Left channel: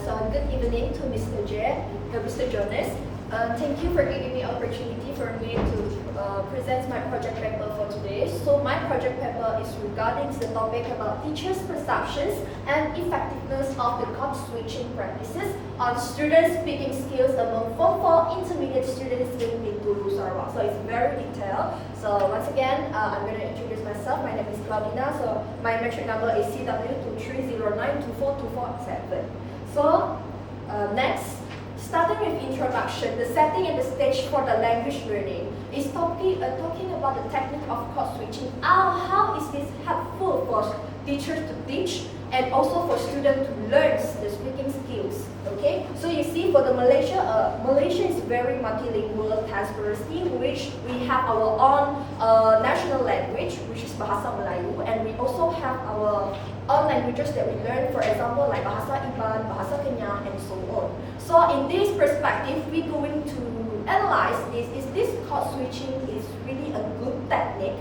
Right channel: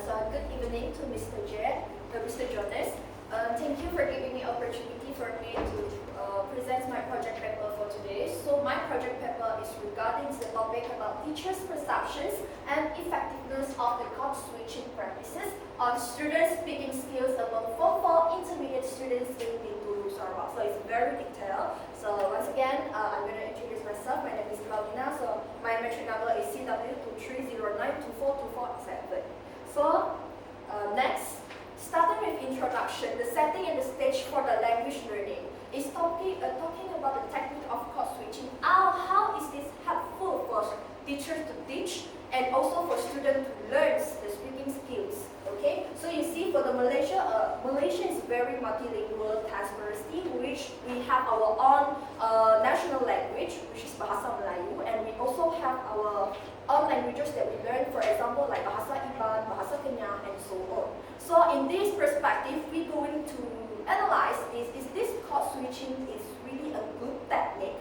So good evening to Mr. J, Mr. Jonas. Thank you for giving me opportunity for me to present my project paper for today. So my project paper is regarding the topic about teachers' perceptions and effectiveness of the code switching practices on student speaking skills among Form 4 intermediate students in Bintulu, Sarawak. So it's very detailed. So once again, I'm going to introduce myself. My name is Claudina. So my metric number is CW230924247. So next. Starting with introduction, the setting and the stage for the language learning is talking about the technique of code switching. How is this helpful for teachers to teach and also for students to learn the speaking skills? Okay, so you see for the Malaysia is very multilingual transparency, which we have our own national language, which is Bahasa Melayu, and we also have our own languages that we learn, for example, like Bahasa Iban, Bahasa Kenyang, and so on. So in this perspective, we're going to analyze is this code switching is really a good technique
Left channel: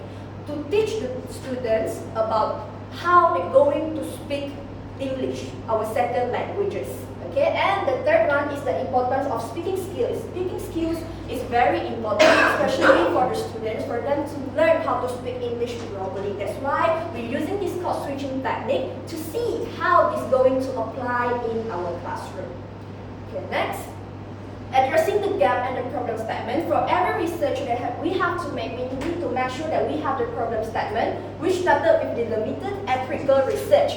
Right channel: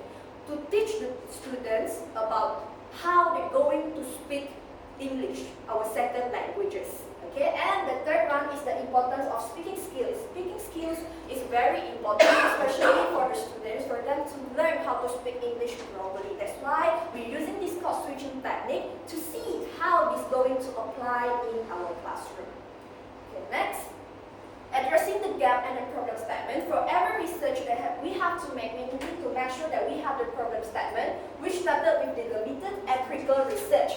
to teach the students about how they're going to speak English, our second languages. Okay, and the third one is the importance of speaking skills. Speaking skills is very important, especially for the students, for them to learn how to speak English properly. That's why we're using this code switching technique to see how it's going to apply in our classroom. Okay, next. Addressing the gap and the problem statement. For every research that we need to make sure that we have the problem statement, which started with the limited empirical research,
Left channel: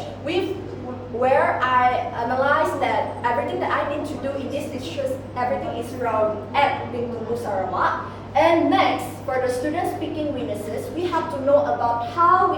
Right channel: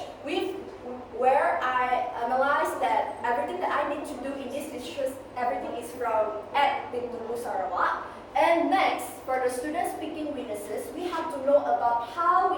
where I analyzed that everything that I need to do in this research, everything is from at Bintulu, Sarawak. And next, for the student speaking weaknesses, we have to know about how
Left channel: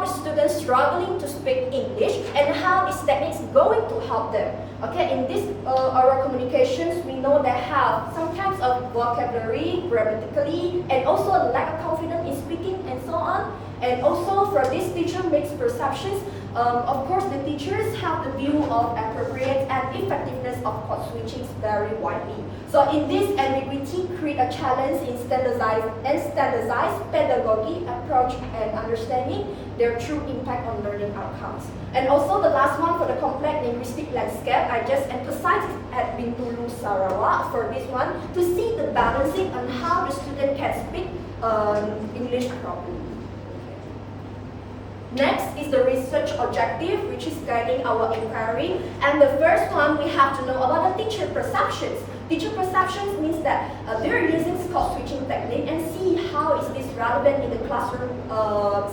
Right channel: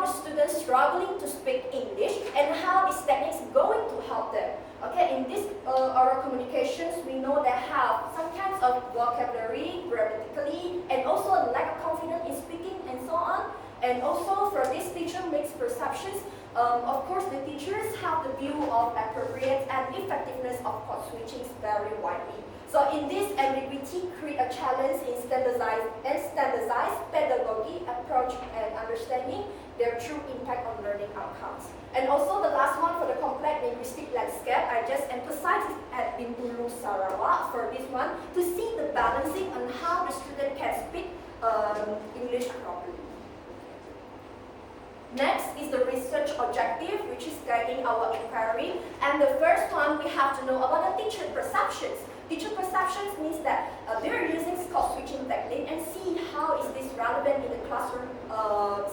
the students struggling to speak English and how this technique is going to help them. Okay, in this oral communications, we know they have some kinds of vocabulary, grammatically, and also lack of confidence in speaking and so on. And also for this teacher makes perceptions, of course the teachers have the view of appropriate and effectiveness of code switching very widely. So in this ambiguity create a challenge in standardized pedagogy approach and understanding their true impact on learning outcomes. And also the last one for the complex linguistic landscape, I just emphasized at Bintulu, Sarawak for this one to see the balancing on how the student can speak English properly. Next is the research objective, which is guiding our inquiry. And the first one, we have to know about the teacher perceptions. Teacher perceptions means that they're using code switching technique and see how is this relevant in the classroom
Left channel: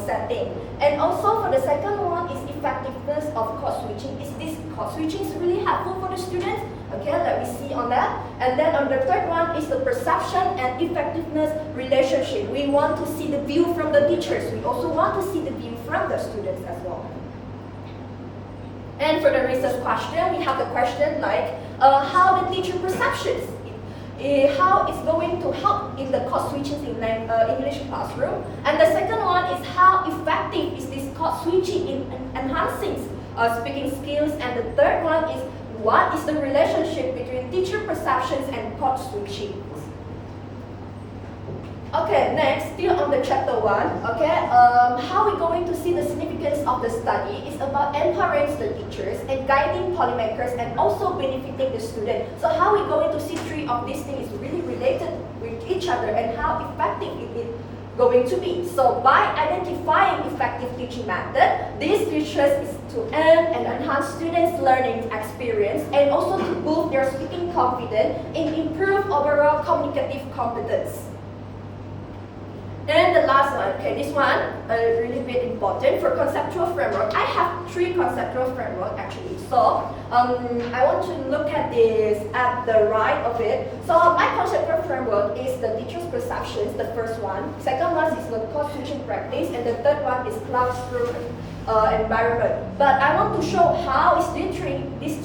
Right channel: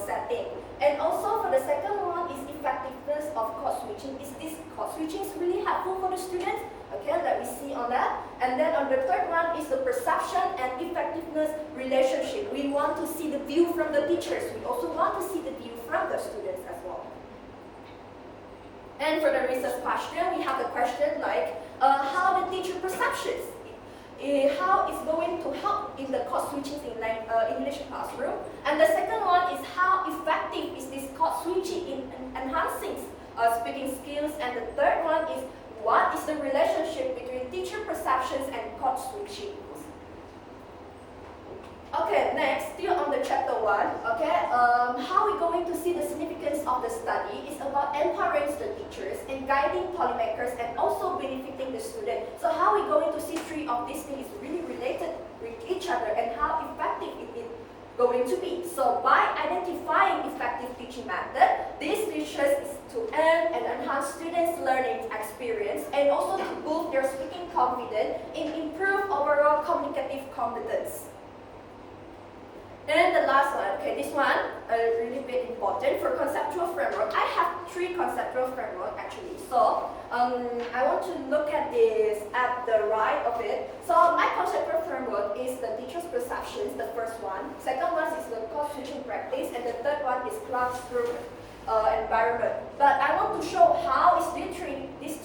setting. And also for the second one is effectiveness of code switching. Is this code switching really helpful for the students? Okay, let me see on that. And then on the third one is the perception and effectiveness relationship. We want to see the view from the teachers. We also want to see the view from the students as well. And for the research question, we have the question like how the teacher perceptions, how it's going to help in the code switching in English classroom. And the second one is how effective is this code switching in enhancing speaking skills. And the third one is what is the relationship between teacher perceptions and code switching. Okay, next, still on the chapter 1, okay, how we're going to see the significance of the study is about empowering the teachers and guiding policymakers and also benefiting the student. So how we're going to see three of these things is really related with each other and how effective it is going to be. So by identifying effective teaching method, these teachers is to earn and enhance students' learning experience and also to boost their speaking confidence and improve overall communicative competence. And the last one, okay, this one really bit important for conceptual framework. I have 3 conceptual framework actually. So I want to look at this at the right of it. So my conceptual framework is the teacher's perceptions, the first one. Second one is the code switching practice, and the third one is classroom environment. But I want to show how is these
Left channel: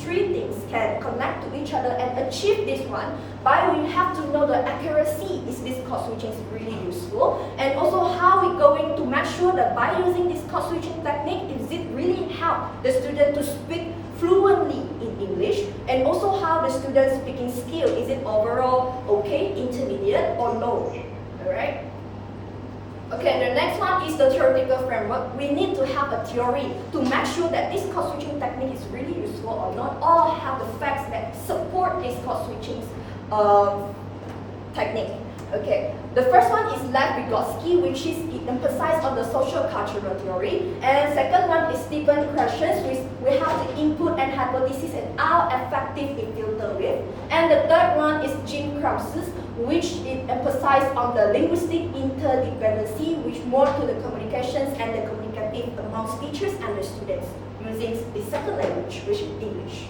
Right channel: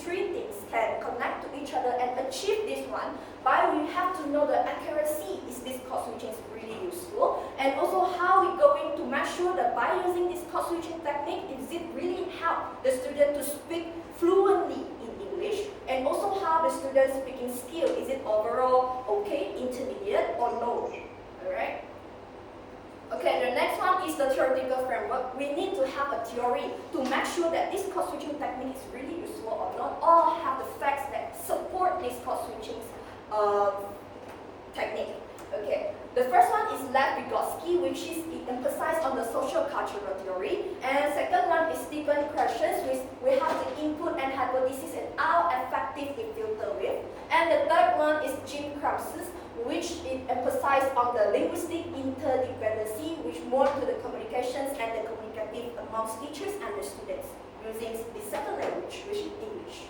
three things can connect to each other and achieve this one. By we have to know the accuracy is this code switching is really useful, and also how we're going to make sure that by using this code switching technique, is it really help the student to speak fluently in English, and also how the student speaking skill, is it overall okay, intermediate or low, alright? Okay, the next one is the theoretical framework. We need to have a theory to make sure that this code switching technique is really useful or not, or have the facts that support this code switching technique. Okay, the first one is Lev-Vygotsky, which is it emphasizes on the social cultural theory, and second one is Stephen questions, which we have the input and hypothesis and how effective it filter with, and the third one is Jim Crump's, which it emphasizes on the linguistic interdependency, which more to the communications and the communicative amongst teachers and the students using the second language, which is English.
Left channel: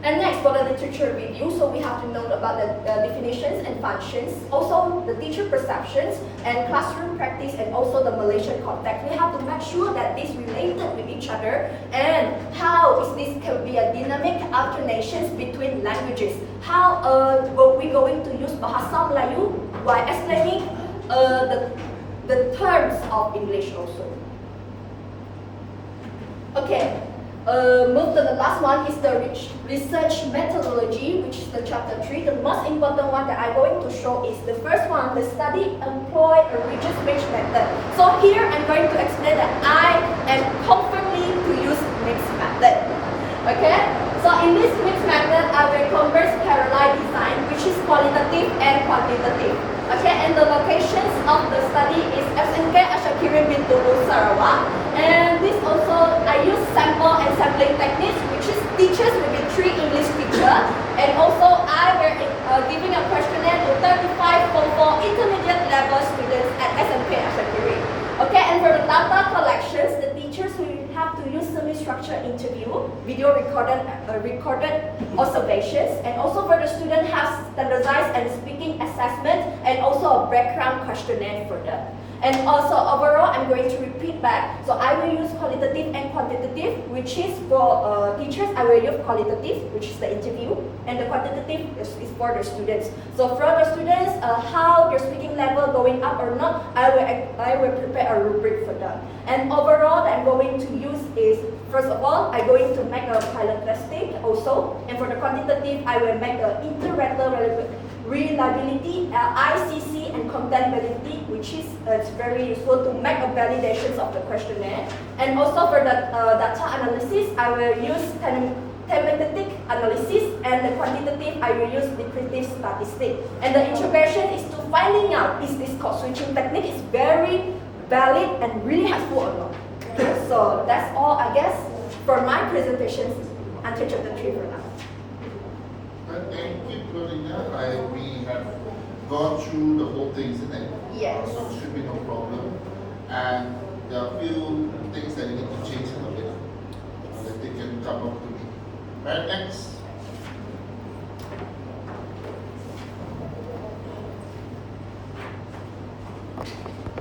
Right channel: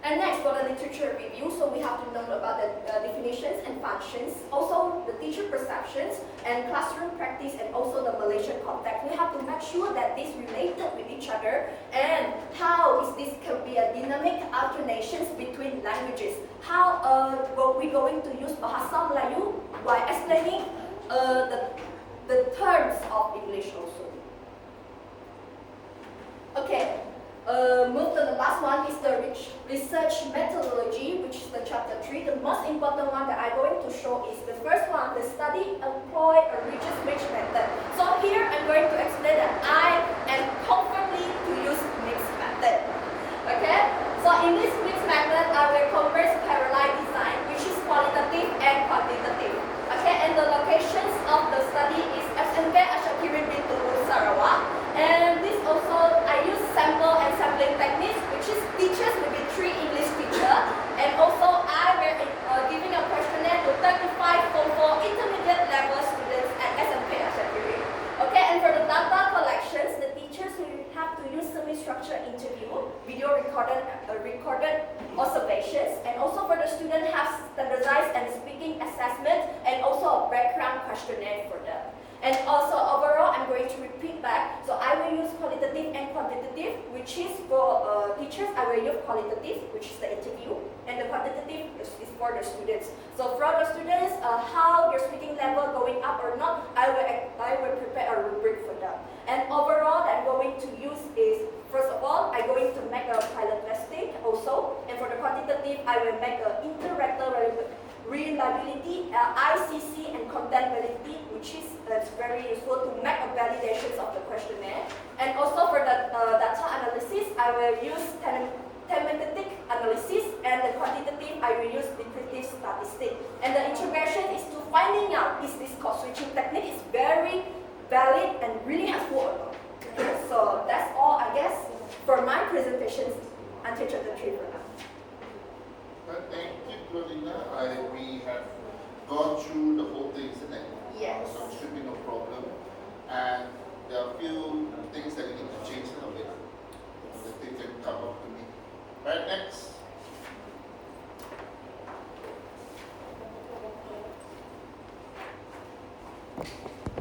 And next, for the literature review, so we have to know about the definitions and functions, also the teacher perceptions and classroom practice, and also the Malaysian context. We have to make sure that this related with each other, and how is this can be a dynamic alternations between languages. How we going to use Bahasa Melayu while explaining the terms of English also. Okay. Move to the last one is the research methodology, which is the chapter 3. The most important one that I'm going to show is the first one, the study employ a research method. So here I'm going to explain that I am confirming to use mixed method. Okay? So in this mixed method, I will converse parallel design, which is qualitative and quantitative. Okay, and the locations of the study is SMK Asyakirin bin Tungul Sarawak. And this also, I use sample and sampling techniques, which is teachers will be 3 English teachers. And also, I will giving a questionnaire to 35 Form 4 intermediate level students at SMK Asyakirin. Okay, and for the data collections, the teachers will have to use semi-structured interview, video recorded observations, and also for the student have standardized and speaking assessment, and also a background questionnaire for them. And also overall, I'm going to repeat back. So I will use qualitative and quantitative, which is for teachers, I will use qualitative, which is the interview, and the quantitative is for the students. So for the students, how their speaking level going up or not, I will prepare a rubric for them. And overall, I'm going to use is, first of all, I'm going to make a pilot testing also. And for the quantitative, I will make the interactive reliability, ICC, and content validity, which is it's very useful to make a validations of the questionnaire. And also for the data analysis, I will use thematic analysis, and the quantitative, I will use descriptive statistics. And the integration is to finding out is this code switching technique is very valid and really helpful or not. So that's all, I guess, for my presentations until chapter 3 for now. Thank you, Claudina. We have gone through the whole thing, isn't it? Yes. So it should be no problem. And there are a few things that you need to change a little bit. That they can come up to me. Right, next.